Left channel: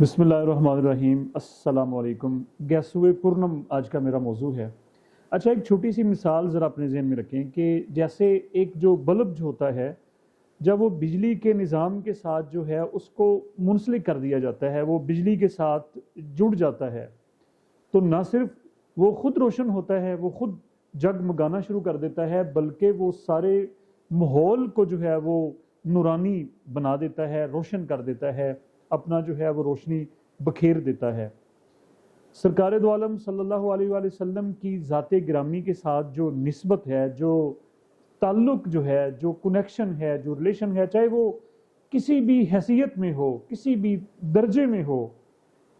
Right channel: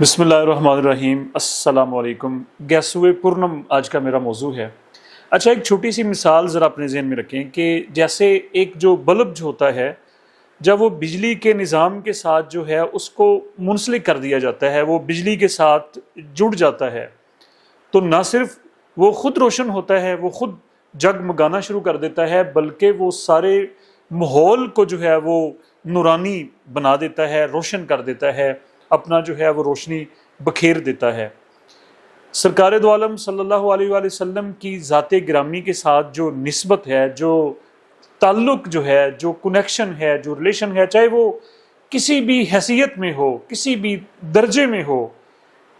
بسم اللہ الرحمن الرحیم۔ السلام علیکم۔ گیسوئے پورنم آج کا میرا موضوع ہے۔ اچھا، ایک چھوٹی سی مثال ذرا اپنے ذہن میں رکھیں کہ جیسے ایک جو بلب جو ہوتا ہے، جب وہ بجلی کے نظام کے ساتھ جو ہے اس کو منسلک کر دیا جاتا ہے، وہ بجلی کے ساتھ جڑ جاتا ہے، تو نہ صرف وہ خود روشن ہوتا ہے، وہ خود جگمگانا شروع کر دیتا ہے، بلکہ وہ سارے ماحول کو جو ہے وہ نورانی بنا دیتا ہے، روشن کر دیتا ہے، اپنا جو ہے وہ روشنی بکھیر دیتا ہے۔ سرکار دو عالم صلی اللہ علیہ وآلہ وسلم کی ذات گرامی کے ساتھ جو نسبت ہے، جو تعلق جو ہے، جو کنیکشن ہے، جو ریلیشن ہے، چاہے وہ کسی بھی حیثیت میں ہو، کسی بھی درجے میں ہو،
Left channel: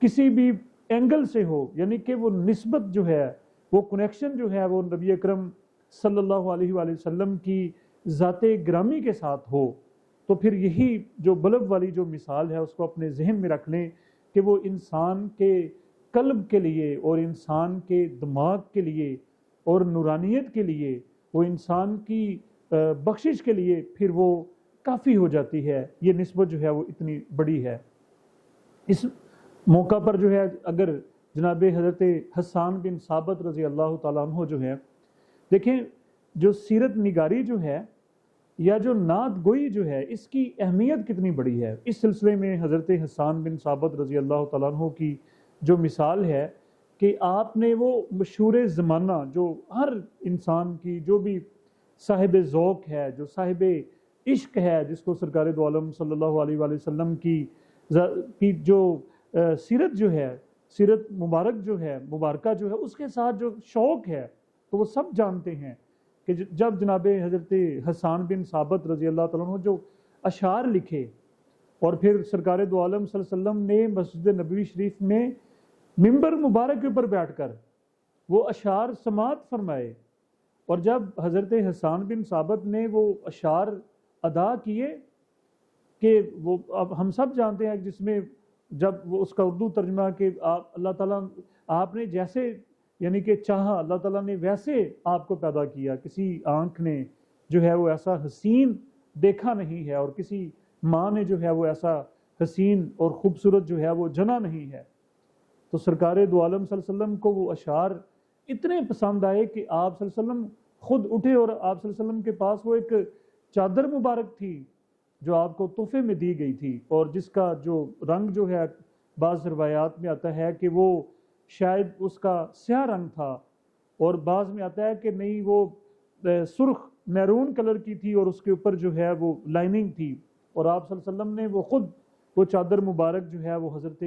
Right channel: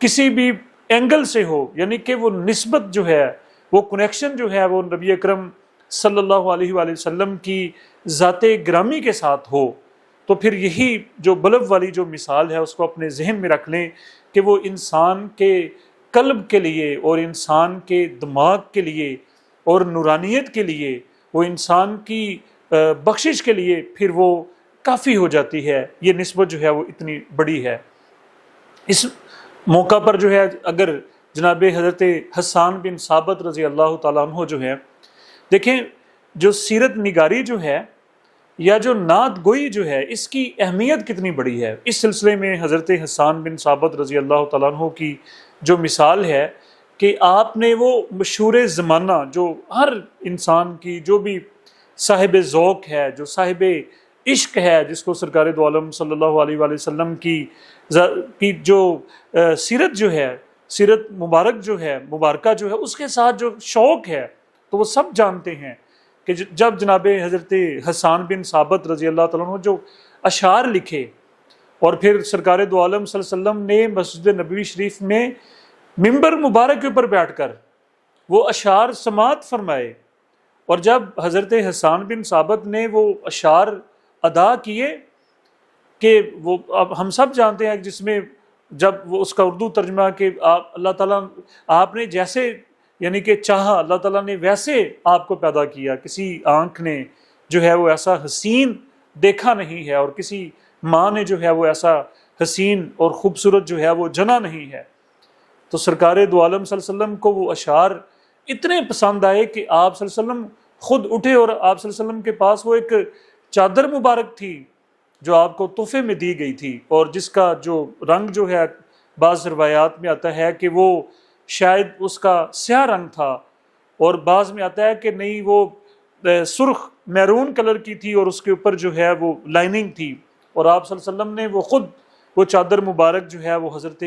کسی بھی اینگل سے ہو، یعنی کہ وہ نسبت جو ہے، وہ کنیکشن جو ہے وہ نبی اکرم صلی اللہ علیہ وآلہ وسلم کی ذات گرامی کے ساتھ ہو، تو پھر یہی جو بلب والی جو مثال ہے اس کو اپنے ذہن میں رکھ لیں کہ وہ انسان کے قلب کے لیے اور انسان کے دماغ کے لیے اور نورانیت کے لیے، وہ انسان کی بخشش کے لیے پھر وہ کافی ہو جاتی ہے۔ یہ نسبت جو ہے وہ اتنی بڑی ہے۔ اس موقع پر جو ہے اگر جناب حضرت حسان بن ثابت رضی اللہ تعالیٰ عنہ جو ہے، دیکھیں جو سیرت نگاری جو ہے یا جو نعت گوئی جو ہے، اس کی اہمیت کتنی بڑی ہے۔ اس سلسلے میں حضرت حسان بن ثابت رضی اللہ تعالیٰ عنہ کی جو مثال ہے کہ آپ نے وہ مشہور زمانہ جو ہر انسان کی، جو بھی صاحب ذوق ہے، جو صاحب عشق ہے، جس کو سرکار دو عالم صلی اللہ علیہ وآلہ وسلم کی جو سیرت جو ہے، سیرت مبارک جو ہے، مبارکہ جو ہے، اس کے ساتھ جو شوق ہے، تو وہ سب جانتے ہیں کہ جب جناب حضرت حسان بن ثابت رضی اللہ تعالیٰ عنہ جو اشعار لکھے اور پھر سرکار دو عالم صلی اللہ علیہ وسلم نے مسجد نبوی شریف میں ممبر مبارک کے اوپر بیٹھ کر وہ اشعار سماعت فرمائے، اور جب حضرت حسان بن ثابت نے وہ اشعار ادا کیے کہ وہ اب ہم سب جانتے ہیں جس میں جب وہ اس کا اردو ترجمہ کہ اللہ تعالیٰ آپ نے جیسے یعنی کہ چاہا، اللہ تعالیٰ نے ویسے آپ کو پیدا کیا، کسی آنکھ نے جو ہے وہ ایسا حسین دیکھا نہیں ہے، اور کسی ماں نے جو ہے وہ ایسا حسین اور خوبصورت جو ہے وہ جنا نہیں ہے۔ تو سرکار دو عالم صلی اللہ علیہ وسلم کو وہ اشعار اتنے پسند آئے کہ آپ صلی اللہ علیہ وسلم خود اٹھے، اور آپ صلی اللہ علیہ وسلم کے پاس وہ ایک چادر مبارک تھی جو آپ کو تحفے میں دی گئی تھی، اور جس کا جو رنگ جو ہے بعض روایات میں آتا ہے کہ وہ شاید اس کا سیاہ رنگ تھا، اور بعض میں آتا ہے کہ نہیں وہ سرخ میرون کلر کی تھی، اور اس کے اوپر جو ہے وہ لائننگ تھی، اور آپ صلی اللہ علیہ وسلم نے وہ خود وہ چادر مبارک جو ہے وہ حضرت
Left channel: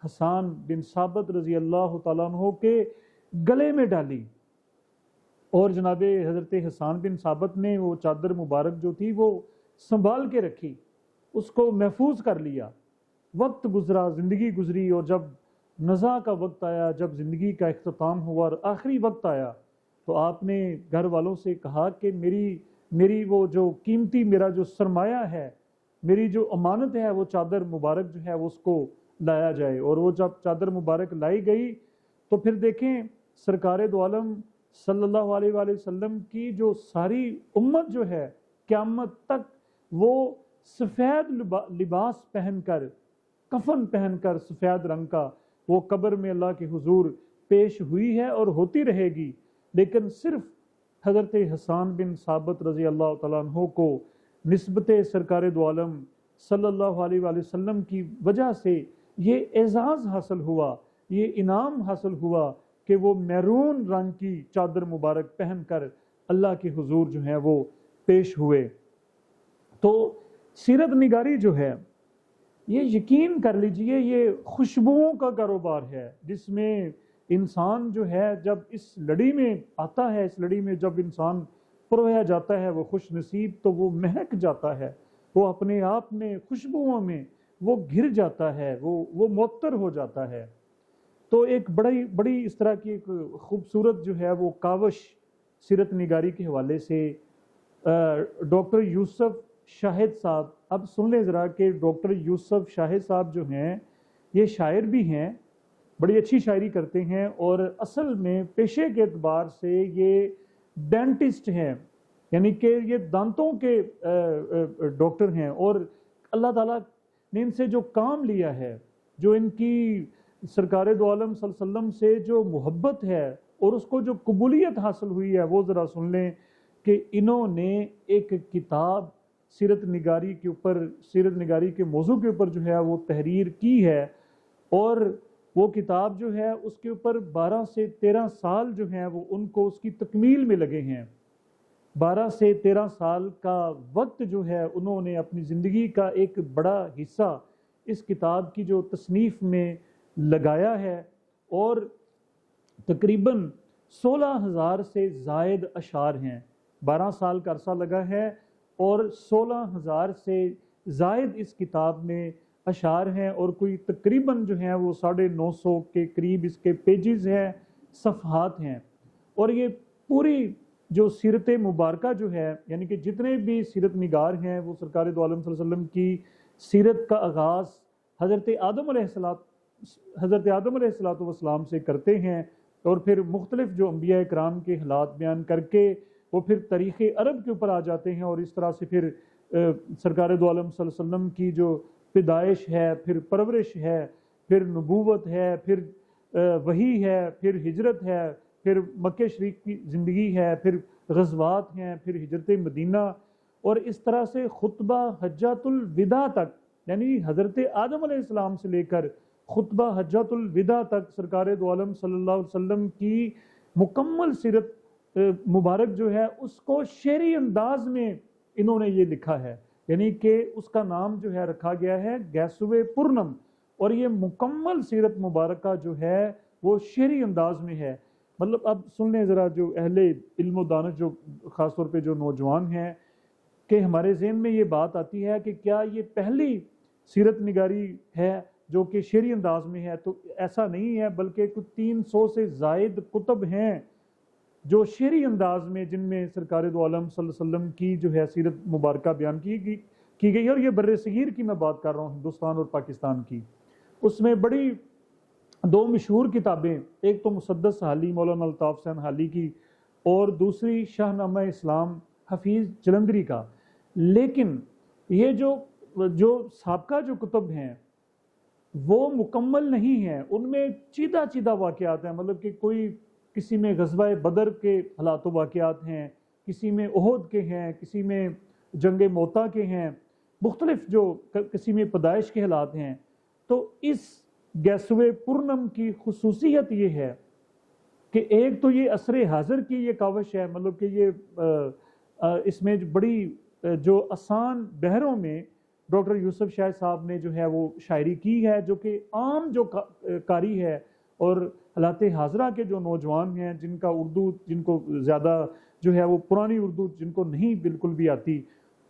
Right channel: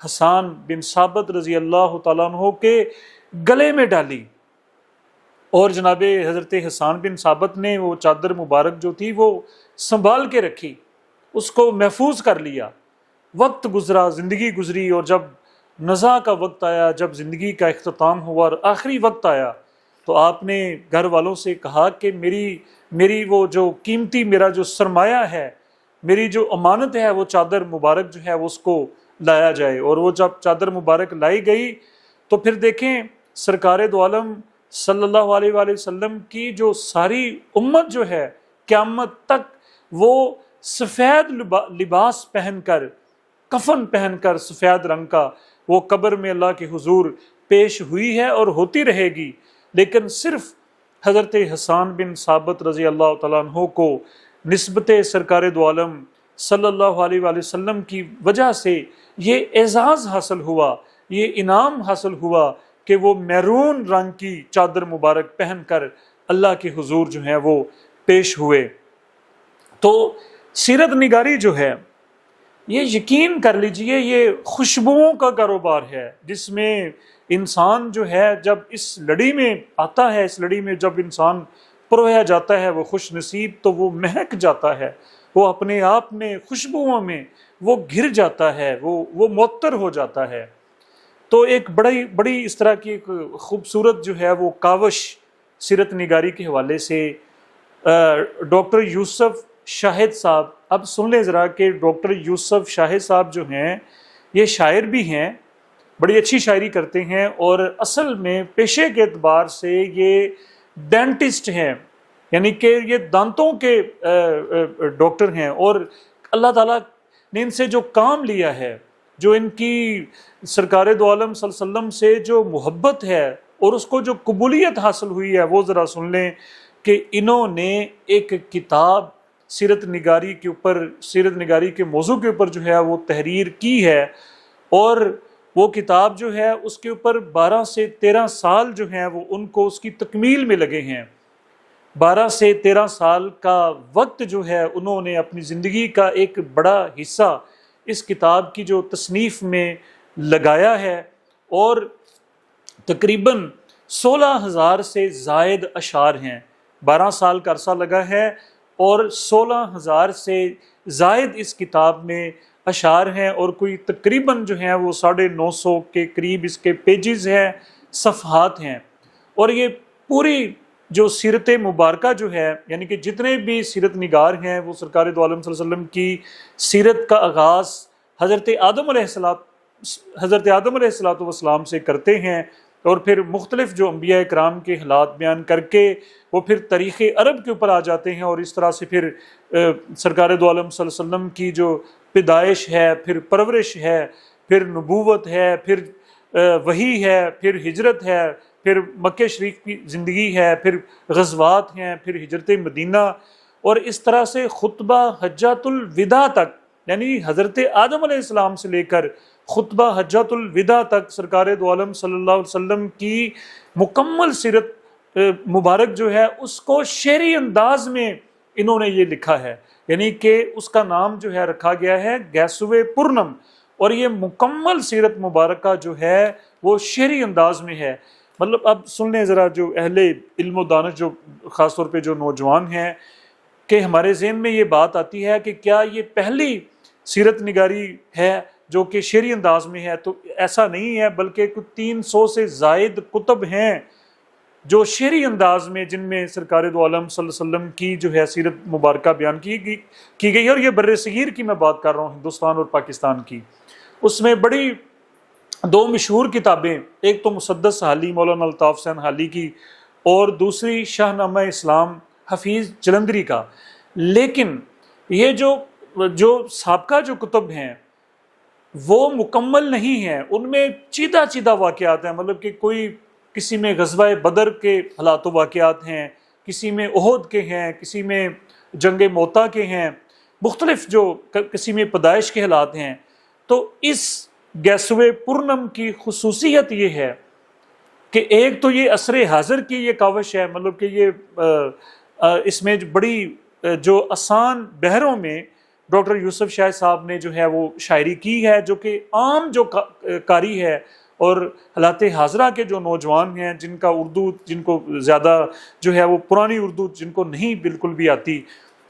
حسان بن ثابت رضی اللہ تعالیٰ عنہ کے گلے میں ڈالی، اور جناب حضرت حسان بن ثابت نے وہ چادر مبارک جو تھی وہ سنبھال کے رکھی، اس کو محفوظ کر لیا۔ وقت گزرا، زندگی گزری، اور جب نزا کا وقت آیا، جب زندگی کا اختتام ہوا اور آخری وقت آیا، تو آپ نے گھر والوں سے کہا کہ میری وہ جو قیمتی میرا جو سرمایہ ہے، میری جو امانت ہے، وہ چادر مبارک جو ہے وہ اس کو لایا جائے۔ اور وہ جب چادر مبارک لائی گئی تو پھر دیکھیں سرکار دو عالم صلی اللہ علیہ وآلہ وسلم کی جو ساری امت جو ہے قیامت تک وہ سفید لباس پہن کر، کفن پہن کر سفید رنگ کا، وہ قبر میں اللہ کے حضور پیش ہوئی ہے اور ہوتی رہے گی، لیکن صرف حضرت حسان بن ثابت رضی اللہ تعالیٰ عنہ کو نسبت سرکار دو عالم صلی اللہ علیہ وآلہ وسلم کی وجہ سے یہ اعزاز حاصل ہوا، یہ انعام حاصل ہوا کہ وہ میرون رنگ کی چادر مبارک پہن کر اللہ کے حضور جو ہیں وہ پیش ہوئے۔ تو سیرت نگاری جو ہے، یہ یقین کر لیجئے یہ خوشبوؤں کا کاروبار ہے، جس میں انسان جو ہے جب اس لڑی میں آتا ہے، اس لڑی میں جب انسان پرویا جاتا ہے وہ خوش نصیب، تو وہ مہک جاتا ہے، وہ اپنے آپ میں خوشبوؤں میں وہ گھر جاتا ہے، وہ معطر ہو جاتا ہے۔ تو ایک بڑی اس طرح کی ایک خوبصورت جو ہے وہ کاوش سیرت نگاری کے حوالے سے ڈاکٹر یوسف شاہد صاحب، اب سن لیں ذرا کہ ڈاکٹر یوسف شاہد صاحب جو ہیں یہ شاعر بھی ہیں، بڑی اچھی شاعری کرتے ہیں، اور اصل میں پیشے کے اعتبار سے یہ ڈینٹسٹ ہیں، یعنی کہ یہ دانتوں کے ڈاکٹر ہیں، اور اللہ تعالیٰ نے ان سے جو کام لیا ہے جو ان کی سرکار دو عالم صلی اللہ علیہ وسلم سے جو محبت ہے اور اس کو جو قبولیت حاصل ہوئی ہے وہ ذرا سن لیں کہ انہوں نے ایک کتاب سیرت نگاری کے اوپر، سیرت نگاری کے موضوع کے اوپر جو ہے وہ تحریر کی ہے، اور وہ کتاب جو ہے اس کے اوپر 12 سے 13 سال جو ہیں وہ ان کو اس کی تکمیل میں لگے ہیں۔ 12 سے 13 سال کا وقت جو ہے انہوں نے اپنی زندگی کا ایک بڑا حصہ اس کتاب کی جو تصنیف میں لگایا ہے، اور تقریباً 16,000 سے زائد اشعار ہیں۔ 12 سال کا عرصہ لگا ہے اور 16,000 سے زائد اس کتاب میں اشعار ہیں، اور کوئی تقریباً جو ہیں وہ 950 کے قریب اس کے پیجز ہیں، صفحات ہیں۔ اور یہ پوری جو سیرت مبارکہ جو ہے، یعنی کہ جتنے بھی سیرت نگار ہیں وہ سرکار دو عالم صلی اللہ علیہ وسلم کی سیرت کا آغاز حضرت آدم علیہ السلام سے کرتے ہیں، اور پھر مختلف جو انبیاء کرام کے حالات بیان کر کے وہ پھر تاریخ عرب کے اوپر آ جاتے ہیں، اور اس طرح سے پھر سرکار دو عالم صلی اللہ علیہ وسلم کی جو پیدائش ہے، پھر پرورش ہے، پھر نبوت ہے، پھر وحی ہے، پھر ہجرت ہے، پھر مکہ شریف کی زندگی ہے، پھر غزوات ہیں، پھر ہجرت مدینہ، اور اس طرح سے خطبہ حجۃ الوداع تک، یعنی حضرت آدم علیہ السلام سے لے کر خطبہ حجۃ الوداع تک سرکار دو عالم صلی اللہ علیہ وسلم کی مکمل سیرت مبارک جو ہے اس کو شعری انداز میں انہوں نے یہ لکھا ہے، یعنی کہ اس کا نام جو ہے رکھا گیا ہے گیسوئے پورنم، اور یہ مکمل سیرت مبارکہ جو ہے وہ شعری انداز میں ہے۔ مطلب اب سن لیں ذرا جو اہل علم و دانش، جو خاص طور پہ جو نوجوان ہیں، کہ ہمارے ذہن میں یہ بات آتی ہے کہ کیا یہ پہلی سیرت نگاری ہے جو کہ شعری انداز میں ہے؟ تو ایسا نہیں ہے، بلکہ کچھ 300 سے زائد کتب ہیں جو شعری انداز میں، جن میں سرکار دو عالم صلی اللہ علیہ وسلم کی جو ہے سیرت مبارکہ بیان کی گئی ہے، اور یہ بر صغیر کی میں بات کر رہا ہوں، ہندوستان اور پاکستان کی۔ اس میں بڑی 2 مشہور کتابیں، ایک تو مسدس حالی مولانا الطاف حسین حالی کی، اور دوسری شاہ نامہ اسلام حفیظ جلندری کا۔ لیکن یہ جو سابقہ جو کتب ہیں وہ مکمل نہیں ہیں، ان میں چیدہ واقعات ہیں، مطلب کہ کسی میں غزوہ بدر کے حالات و واقعات ہیں، کسی میں احد کے ہیں، کسی میں جنگ موتا کے ہیں، مختلف جو کسی میں پیدائش کے حالات ہیں۔ تو اس گیسوئے پورنم کی خصوصیت یہ ہے کہ ایک تو یہ عصر حاضر کی یہ کاوش ہے، مطلب کہ یہ اس میں بڑی جو آسان بحروں میں ڈاکٹر یوسف شاہ صاحب نے جو ہے وہ شاعری کی ہے، جو کہ عام جو قاری ہے اور حالات حاضرہ کے جو نوجوان ہیں جن کا اردو، جن کو زیادہ جو ہے وہ پرانی اردو جن کو نہیں بالکل بھی آتی،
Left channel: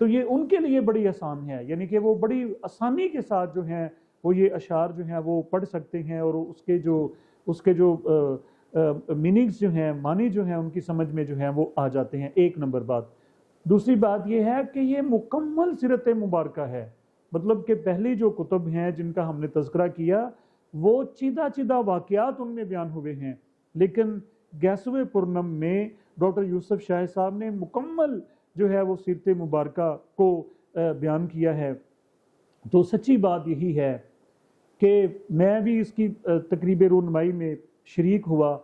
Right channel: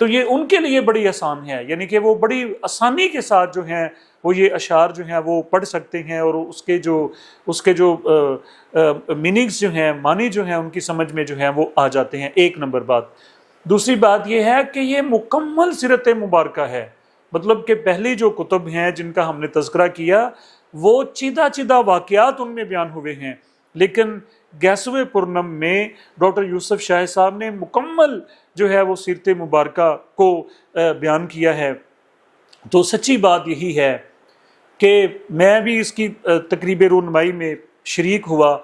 تو یہ ان کے لیے بڑی آسان ہے، یعنی کہ وہ بڑی آسانی کے ساتھ جو ہیں وہ یہ اشعار جو ہیں وہ پڑھ سکتے ہیں، اور اس کے جو میننگز جو ہیں، معنی جو ہیں ان کی سمجھ میں جو ہیں وہ آ جاتے ہیں۔ ایک نمبر بات۔ دوسری بات یہ ہے کہ یہ مکمل سیرت مبارکہ ہے، مطلب کہ پہلی جو کتب ہیں جن کا ہم نے تذکرہ کیا وہ چیدہ واقعات ان میں بیان ہوئے ہیں، لیکن گیسوئے پورنم میں ڈاکٹر یوسف شاہ صاحب نے مکمل جو ہے وہ سیرت مبارکہ کو بیان کیا ہے۔ تو سچی بات یہی ہے کہ میں بھی اس کی تقریب رونمائی میں شریک ہوا،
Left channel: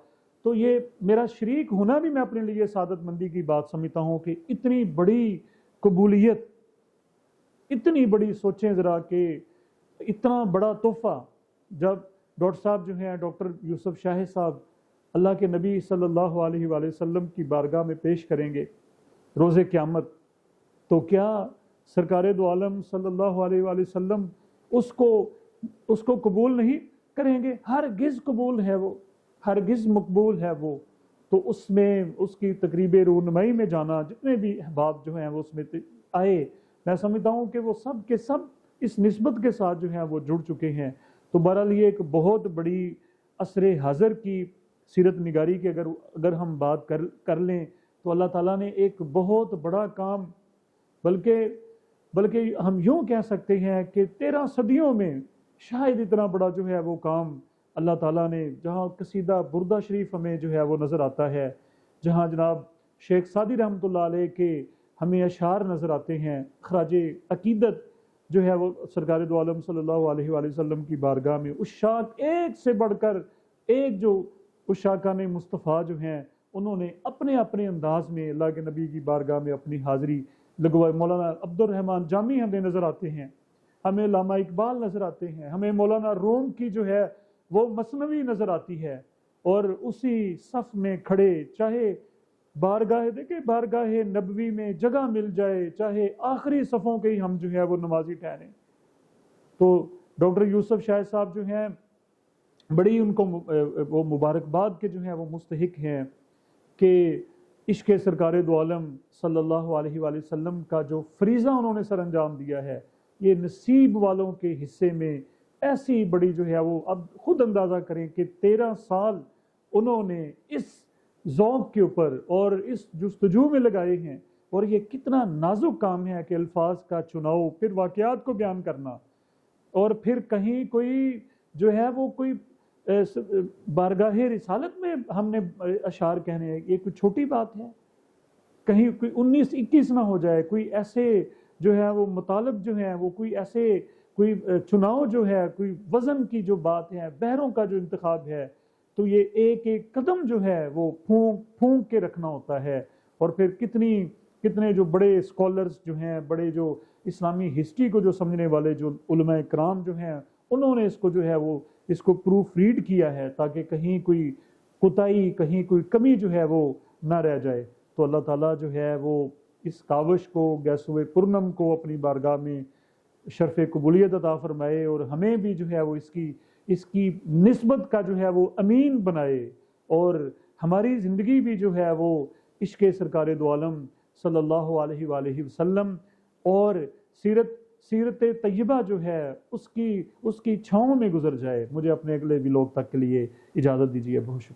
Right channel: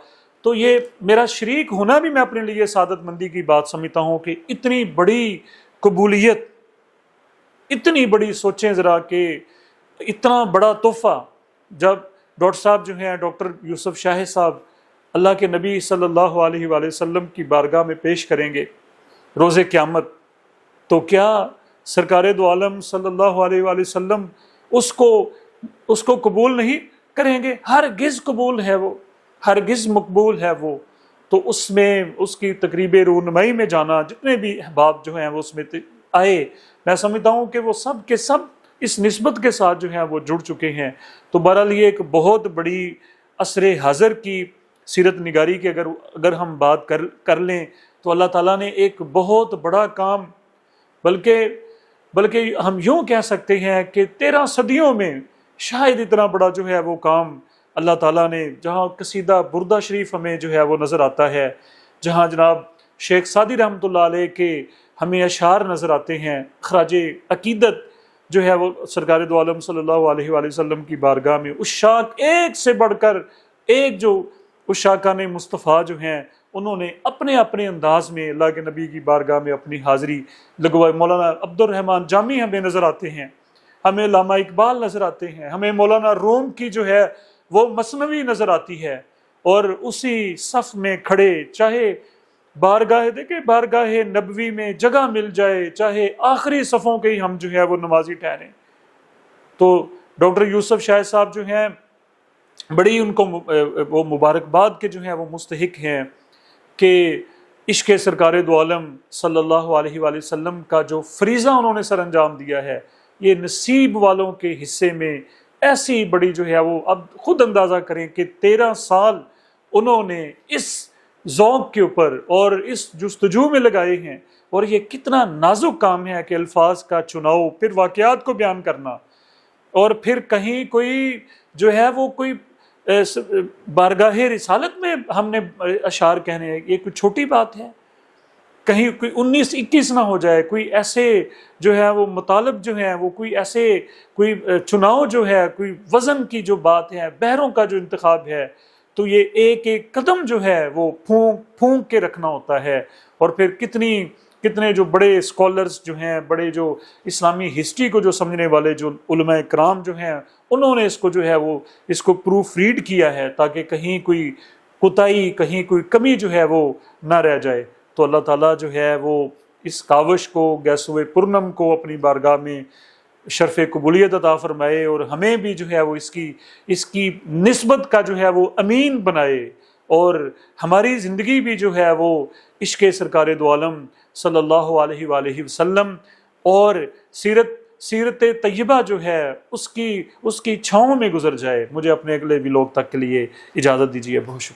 تو یہ میرا شریک ہونا بھی میں اپنے لیے سعادت مندی کی بات سمجھتا ہوں کہ اتنی بڑی قبولیت، اتنی بڑی، سوچیں ذرا کہ اتنا بڑا تحفہ جب ڈاکٹر صاحب جو ہیں، ڈاکٹر یوسف شاہ صاحب اللہ کے نبی صلی اللہ علیہ وآلہ وسلم کی بارگاہ میں پیش کریں گے روز قیامت، تو کیا سرکار دو عالم صلی اللہ علیہ وآلہ وسلم اس کو قبول نہیں کریں گے؟ ہرگز قبول ہے وہ، ہرگز مقبول ہے وہ۔ تو اس میں اس کی تقریب رونمائی میں جانا، جتنے بھی احباب جو ہیں وہ اس میں آئے، میں سمجھتا ہوں کہ وہ سب کے سب اس نسبت کے ساتھ جو ہیں وہ جڑ چکے ہیں۔ تو بہرحال یہ ایک بہت بڑی عصر حاضر کی سیرت نگاری کی اگر ہم بات کر لیں تو اللہ تعالیٰ نے ایک بہت بڑا کام، بلکہ ہم یوں کہہ سکتے ہیں کہ 13 صدیوں میں شاید اتنا بڑا جو ہے وہ کام اللہ تعالیٰ نے، جہاں قصیدہ بردہ شریف ہمیں جو ہے وہ نظر آتا ہے، جہاں جناب شیخ سعدی رحمۃ اللہ علیہ کے ہمیں اشعار نظر آتے ہیں، خراج عقیدت جو ہے وہ سرکار دو عالم صلی اللہ علیہ وآلہ وسلم کی بارگاہ میں عشاق ایک سے بڑھ کر ایک جو عشاقان مصطفیٰ جو ہیں انہوں نے اپنے اپنے انداز میں اللہ کے نبی کی بارگاہ میں اپنی حاضری لگوائے۔ مولانا عبد الرحمن جامی ہمیں نظر آتے ہیں، ہمیں علامہ اقبال نظر آتے ہیں، ہمیں مولانا روم کی جو ہے وہ مثنوی نظر آتی ہے، اور اسی صف میں کھڑے چاہے بارگاہ دیکھیں بارگاہ نبوی میں جگہ مل جائے، چاہے آخری صفوں کے ہی ہم جو ہے وہ نمازی ٹھہریں۔ تو ڈاکٹر یوسف شاہ صاحب جو ہیں بڑی ان کو وہ مبارکباد کے جو ہیں وہ مستحق ہیں کہ عشق سرکار دو عالم صلی اللہ علیہ وآلہ وسلم کا جو فریضہ انہوں نے سر انجام دیا ہے، یہ نصیب والوں کے حصے میں ایسی بڑی جو ہے وہ اب خود اندازہ کریں کہ 13 سال انہوں نے اس ذوق کے اوپر اور اس جستجو میں لگائے ہیں، اور یہ کتنا نازک کام ہے کہ الفاظ کا چناؤ، پھر واقعات کو بیان کرنا، اور پھر کہیں کوئی جو ہے وہ کوئی بارگاہ رسالت میں ہم نے اشعار کہنے ہیں، یہ کوئی چھوٹی بات ہے؟ کہیں کوئی 19-21 نہ ہو جائے، کوئی ایسے جو ہے وہ مطالب جو ہیں وہ کوئی ایسے کوئی چناؤ جو ہے، کوئی وزن کی جو بات ہے، بحروں کا جو انتخاب ہے، تو یہ ایک ایک قدم جو ہے وہ پھونک کے رکھنا ہوتا ہے۔ اور پھر کتنے جو بڑے اسکالرز جو ہیں، بڑے جو اسلامی ہسٹری کو جو سمجھنے والے جو علماء کرام جو ہیں، انہوں نے اس کو جو ہے وہ اس کو پروف ریڈ کیا ہے تاکہ کہیں کوئی کوتاہی، کہیں کوئی کمی جو ہے وہ نہ رہ جائے۔ تو اللہ تعالیٰ جو ہے وہ اس کاوش کو، گیسوئے پورنم کو اپنی بارگاہ میں شرف قبولیت عطا فرمائے، اور ہمیں بھی جو ہے وہ اس کی نسبت کا جو ہے وہ امین بنائے، اور ہماری زندگی بھی جو ہے وہ عشق سرکار دو عالم صلی اللہ علیہ وآلہ وسلم اور سیرت طیبہ جو ہے اس کی چھاؤں میں گزر جائے۔ مجھے اپنے اگلے ولاگ تک کے لیے اجازت دیجیے، بہت شکریہ۔